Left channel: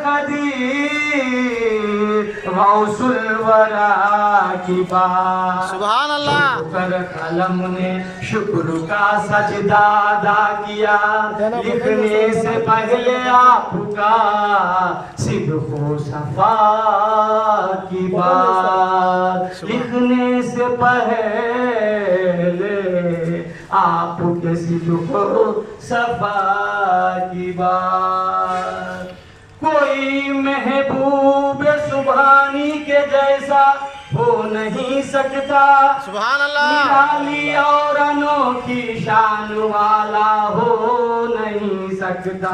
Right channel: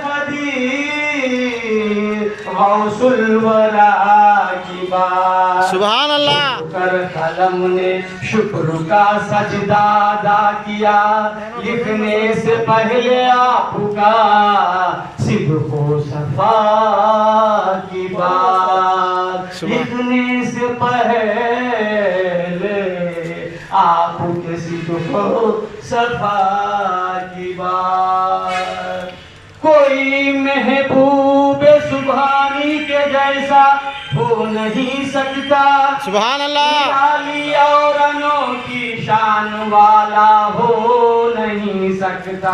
खदीर गौसुल वरा की बात। सुभान अल्लाह। कर कलम ने शुक्र का सजदा अदा किया, लिखने से पहले आपका सिद्को सफा की बात। लिखने से पहले आपके सिद्को सफा की बात। कोई महबूब सुभानी के जैसा हो नहीं सकता, सुभान अल्लाह। निराली और अनोखी शान वाला हो नहीं सकता।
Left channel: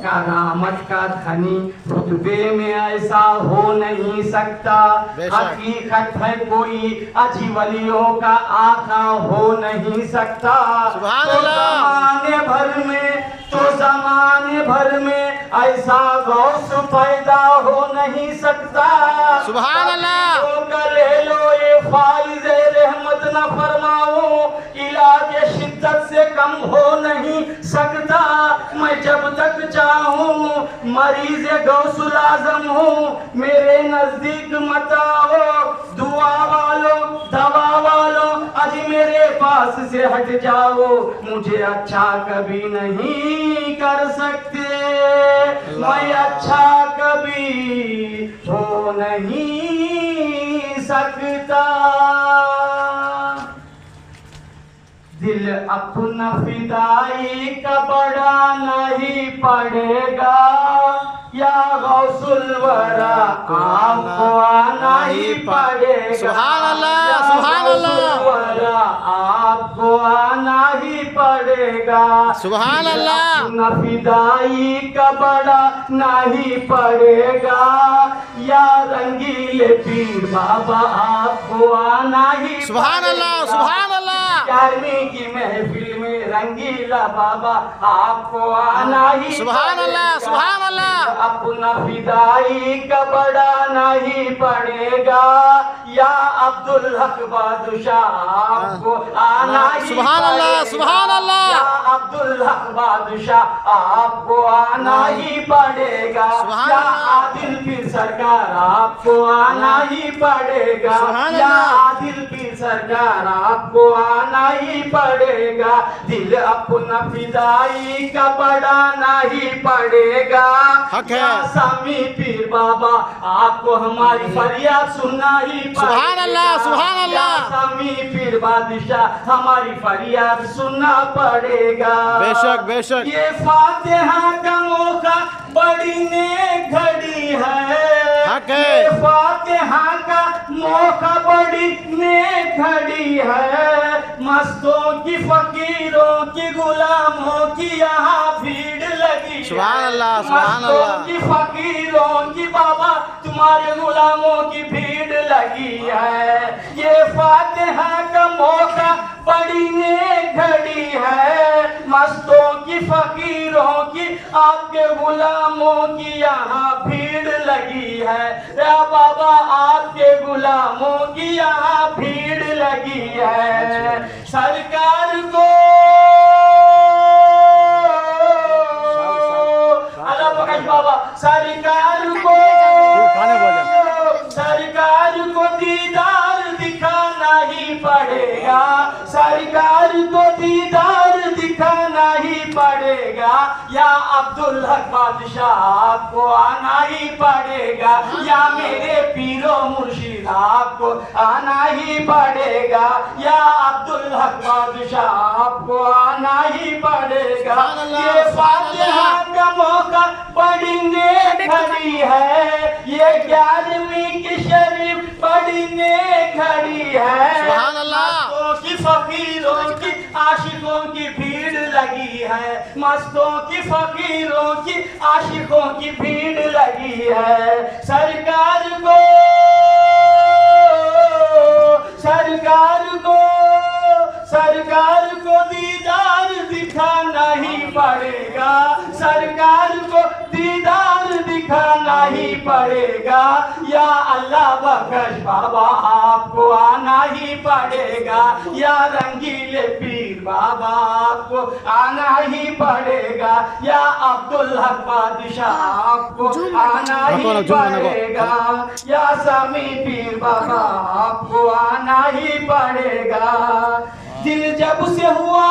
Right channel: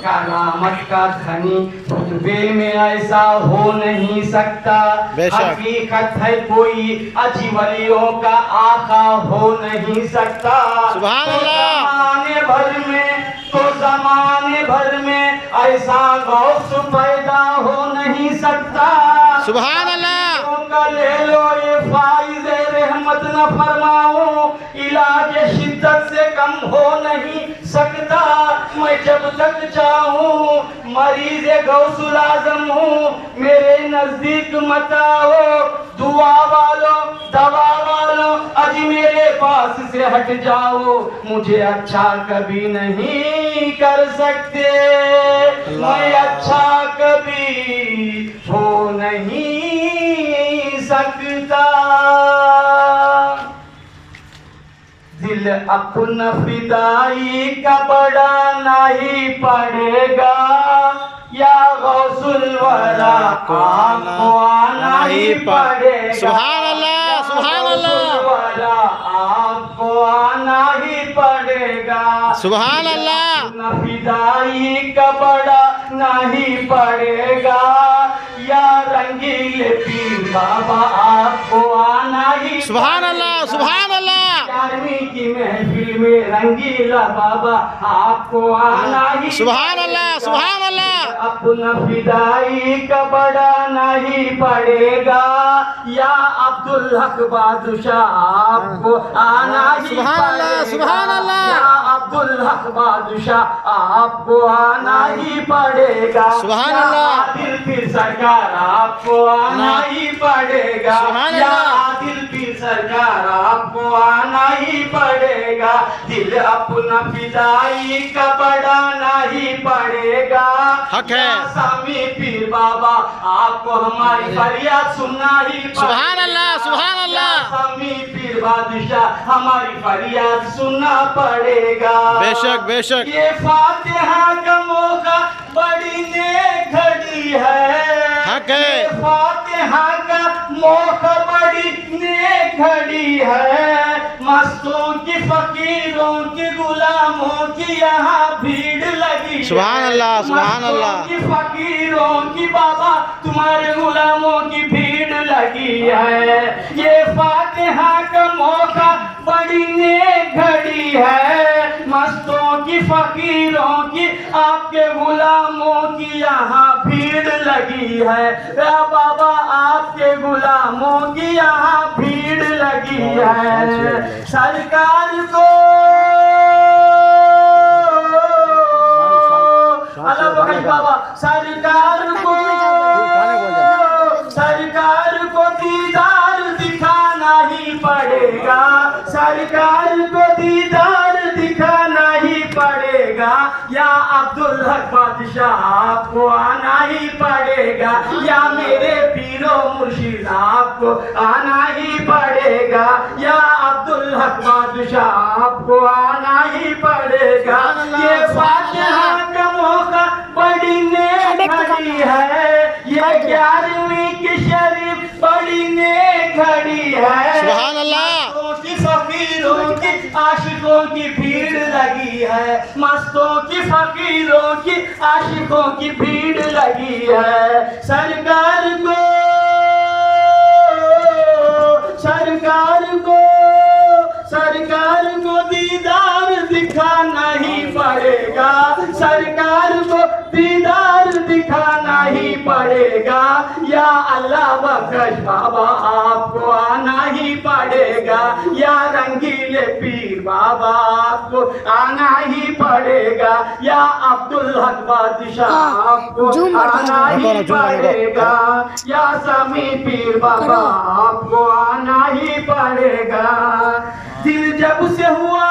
करामत का धनी रुतबे में ऐसा हो नहीं सकता। हकीकत है कोई अजीवलियों का आका हो नहीं सकता। सुभान अल्लाह। ज़माने भर में ऐसा गौस पैदा हो नहीं सकता। सुभान अल्लाह। ले लो ये फाइज रहमत न फरमाओ, इलाज शिद्दत से कम हो नहीं सकता। मैं जब तक चाहूँ मरीज गौसुल आजम हूँ, मेरे नजदीक मत आओ। दुआ वालों दवा वालों अज मेरे पास से हट जाओ, मुझे अच्छा कभी नहीं कर सकते। मैं अच्छा कभी हो नहीं सकता। दिल अपना फिदाई का बड़ा नहीं पड़ेगा, या गौसुल वरा आपको आना ही पड़ेगा। सुभान अल्लाह, सुभान अल्लाह। आपको आना ही पड़ेगा। सुभान अल्लाह। फिदाई का बड़ा नहीं पड़ेगा, या रंगीले पीर बाबा आपको आना ही। सुभान अल्लाह, सुभान अल्लाह। 11वीं की महफिल में रंगीला बाबा आपको आना ही। सुभान अल्लाह, सुभान अल्लाह। अपना फिदाई का बड़ा नहीं पड़ेगा, या अब्दुल हक बादशाह आपको आना ही। सुभान अल्लाह, सुभान अल्लाह। अब्दुल हक बादशाह आपको आना ही पड़ेगा। सुभान अल्लाह। आदिल पीर सरकार आपको आना ही पड़ेगा। सुभान अल्लाह। आदिल पीर सरकार आपको आना ही पड़ेगा। दिल अपना फिदाई का बड़ा नहीं पड़ेगा। हक है। सामी पीर बाबा आपको हमारी फरियाद सुनना ही पड़ेगा। सुभान अल्लाह, सुभान अल्लाह। सामी पीर बादशाह हमारी फरियाद सुनना पड़ेगा। बेशक बेशक। ये फातिहा का मौका बड़ी नेक घड़ी है। हक है। ये फातिहा का मौका बड़ी नेक घड़ी है। मस्तों की फकीरों की गुलामों की यहाँ भीड़ लगी। सुभान अल्लाह, सुभान अल्लाह। की फकीरों की बाबा तुम्हारे गुलामों की भीड़ लगी है। ये फातिहा का मौका बड़ी नेक घड़ी है। मस्तों की फकीरों की आपके गुलामों की यहाँ भीड़ लगी है। या बाबा आपके गुलामों की यहाँ भीड़ लगी है। सरकार को बाबा सरकार को दीदार दिखाना ही पड़ेगा। सरकार को दीदार दिखाना ही पड़ेगा। या अब्दुल हक बादशाह आपको आना ही पड़ेगा। या मेरे पीरो मुर्शिद आपको आना ही पड़ेगा। या अब्दुल हक बादशाह आपको आना ही पड़ेगा। ये फातिहा का मौका बड़ी नेक घड़ी है। ये 11वीं की शरीफ बड़ी नेक घड़ी है। सुभान अल्लाह। की फकीरों की आशिकों की भीड़ लगी है। मस्तों की फकीरों की आशिकों की भीड़ लगी है। सरकार को दीदार दिखाना ही पड़ेगा। सरकार को दीदार दिखाना ही पड़ेगा। या अल्लाह बख्श बाबा आपको आना ही पड़ेगा, या रंगीले पीर बाबा आपको आना ही पड़ेगा, या अब्दुल हक बादशाह आपको आना ही पड़ेगा, या समी पीर बाबा आपको आना ही पड़ेगा। दिल जब से हुआ,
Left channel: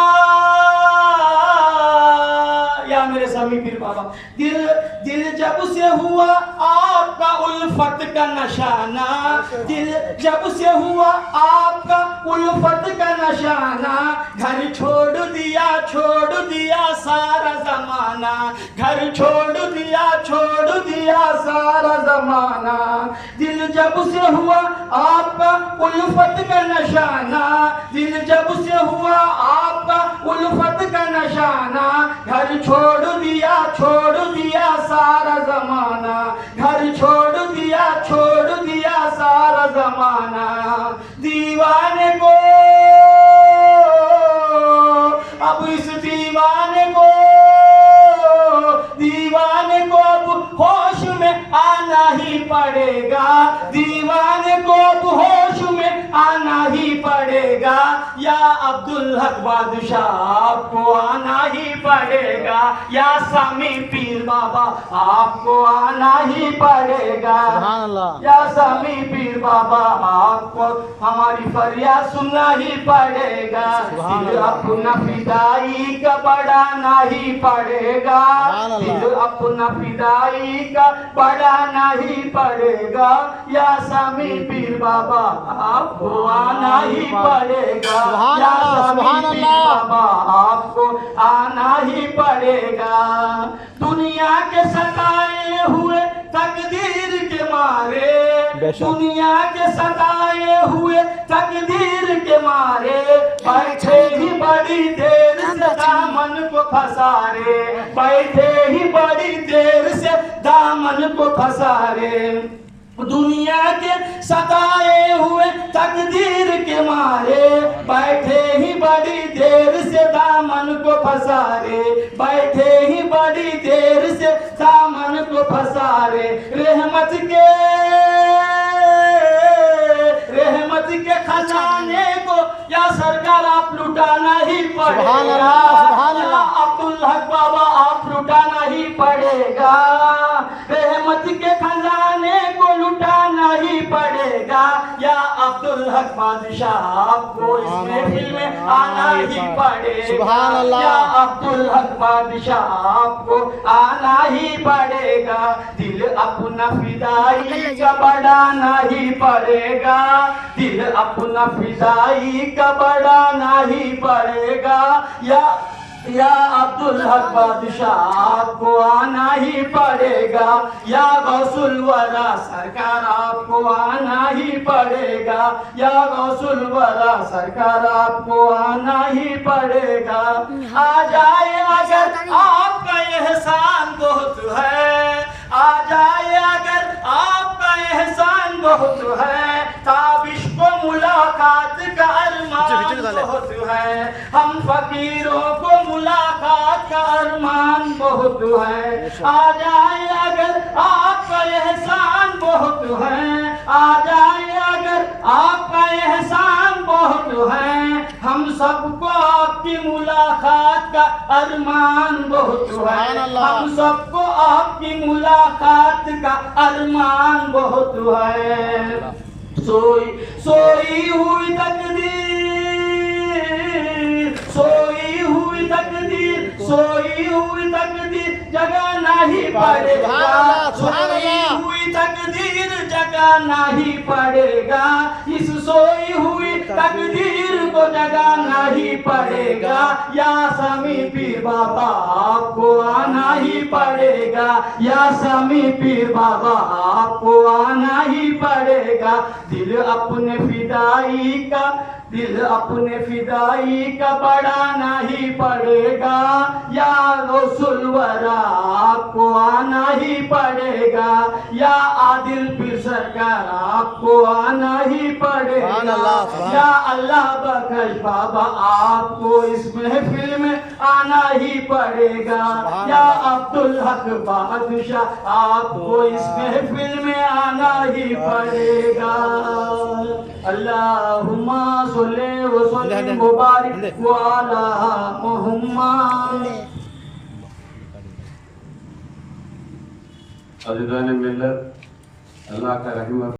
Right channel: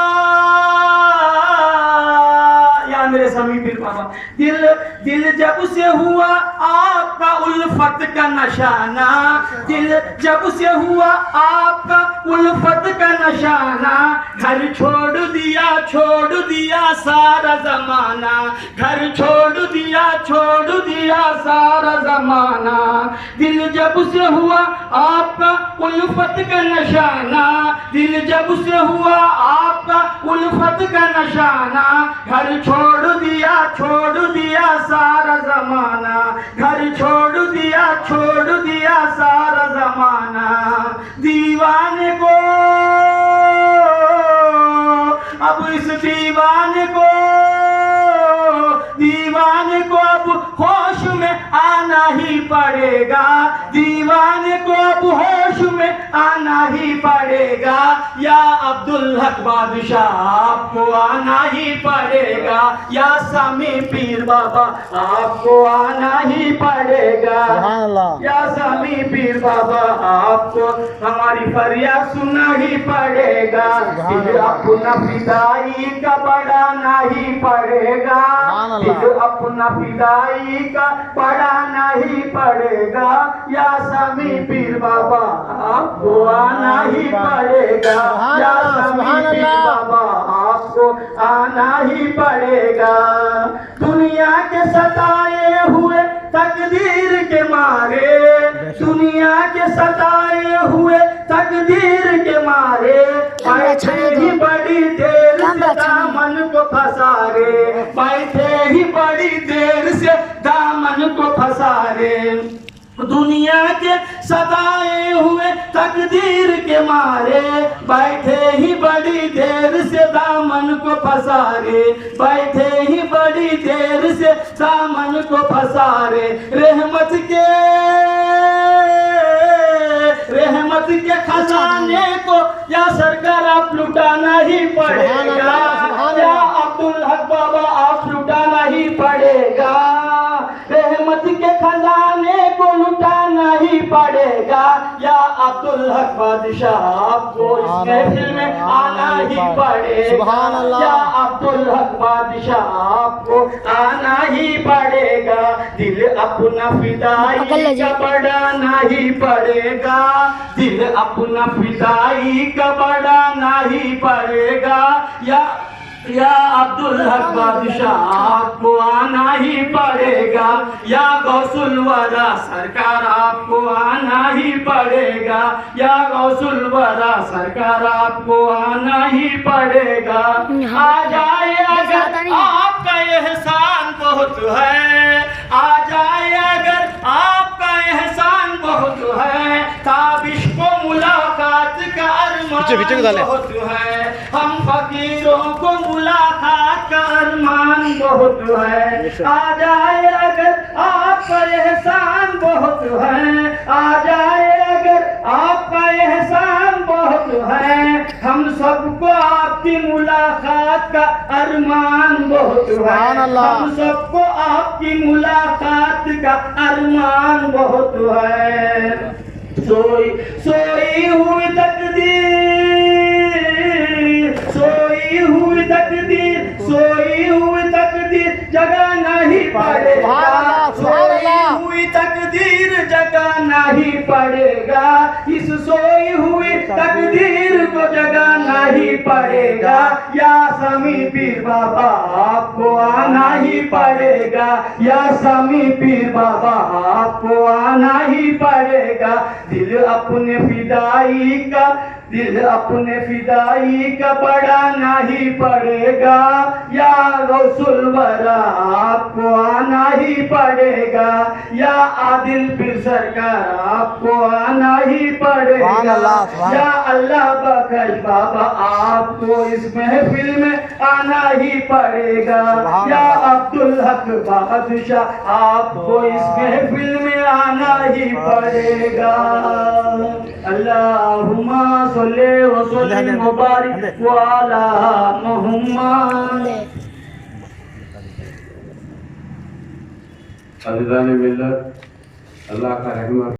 या मेरे समी पीर बाबा, दिल जब से हुआ आपका उल्फत का नशाना, दिल जब से हुआ आपका उल्फत का नशाना, घर छोड़ दिया सारा जमाना, घर छोड़ दिया सारा जमाना। दिल जब से हुआ आपका उल्फत का नशाना, दिल जब से हुआ आपका उल्फत का नशाना, घर छोड़ दिया सारा जमाना, घर छोड़ दिया सारा जमाना। दीवाने को अब इस दीवाने को अब होश में आना ही पड़ेगा, दीवाने को अब होश में आना ही पड़ेगा, या अब्दुल हक बादशाह आपको आना ही पड़ेगा, या समी पीर बाबा आपको आना ही पड़ेगा, या समी पीर बाबा आपको हमारी फरियाद सुनना ही पड़ेगा। दिल अपना फिदाई का बढ़ाना ही पड़ेगा, दिल अपना फिदाई का बढ़ाना ही पड़ेगा, या समी पीर बाबा आपको आना ही पड़ेगा, या समी पीर बाबा आपको आना ही पड़ेगा। दुनिया के सताए हुए तकदीर के मारे, दुनिया के सताए हुए तकदीर के मारे, बैठे ही बड़ी देर से दामन को फंसारे, बैठे ही बड़ी देर से दामन को फंसारे। दुनिया के सताए हुए तकदीर के मारे, बैठे ही बड़ी देर से दामन को फंसारे, बैठे ही बड़ी देर से दामन को फंसारे। रहमत के खजाने को या सरकार आप लुटाना ही पड़ेगा, या अब्दुल हक बाबा आप लुटाना ही पड़ेगा। रहमत के खजाने को लुटाना ही पड़ेगा, या अब्दुल हक बादशाह आपको इस महफिल में आना ही पड़ेगा, या अब्दुल हक बादशाह आपको आना ही पड़ेगा। दिल अपना फिदाई का बढ़ाना ही पड़ेगा, दिल अपना फिदाई का बढ़ाना ही पड़ेगा, या अब्दुल हक बादशाह आपको आना ही पड़ेगा, या गौसुल वरा सरकार आपको आना ही पड़ेगा, या गौसुल वरा सरकार आपको आना ही पड़ेगा। आ जाए अगर आपका एहसान बहुत है, आ जाए अगर आपका एहसान बहुत है, ताबिश को मुलाकात का अरमान बहुत है, हम फकीरों को मुलाकात का अरमान बहुत है। आ जाए अगर आपका एहसान बहुत है, आ जाए अगर आपका एहसान बहुत है, हम सबको आपकी मुलाकात का अरमान बहुत है, हम सबको आपकी मुलाकात का अरमान बहुत है। सोई हुई तकदीर जगाना ही पड़ेगा, सोई हुई तकदीर जगाना ही पड़ेगा, इस सोई हुई तकदीर को जगाना ही पड़ेगा, या समी पीर बाबा आपको आना ही पड़ेगा, या समी पीर बाबा आपको आना ही पड़ेगा। दिल अपने फिदाई का दिल अपने फिदाई का बढ़ाना ही पड़ेगा, या गौसुल वरा आपको आना ही पड़ेगा, या आदिल पीर सरकार आपको आना ही पड़ेगा, सुभान अल्लाह, सुभान। या अल्लाह बख्श बाबा आपको इस महफिल में आना ही पड़ेगा, सुभान या अल्लाह। अब्दुल हक बादशाह आपको इस महफिल में आना ही पड़ेगा। अल्लाहुम्मा सल्ली व सल्लिम व बारिक व अला मुहम्मद। अज़ीज़ान मिल्लत, अल्लाह का रहमत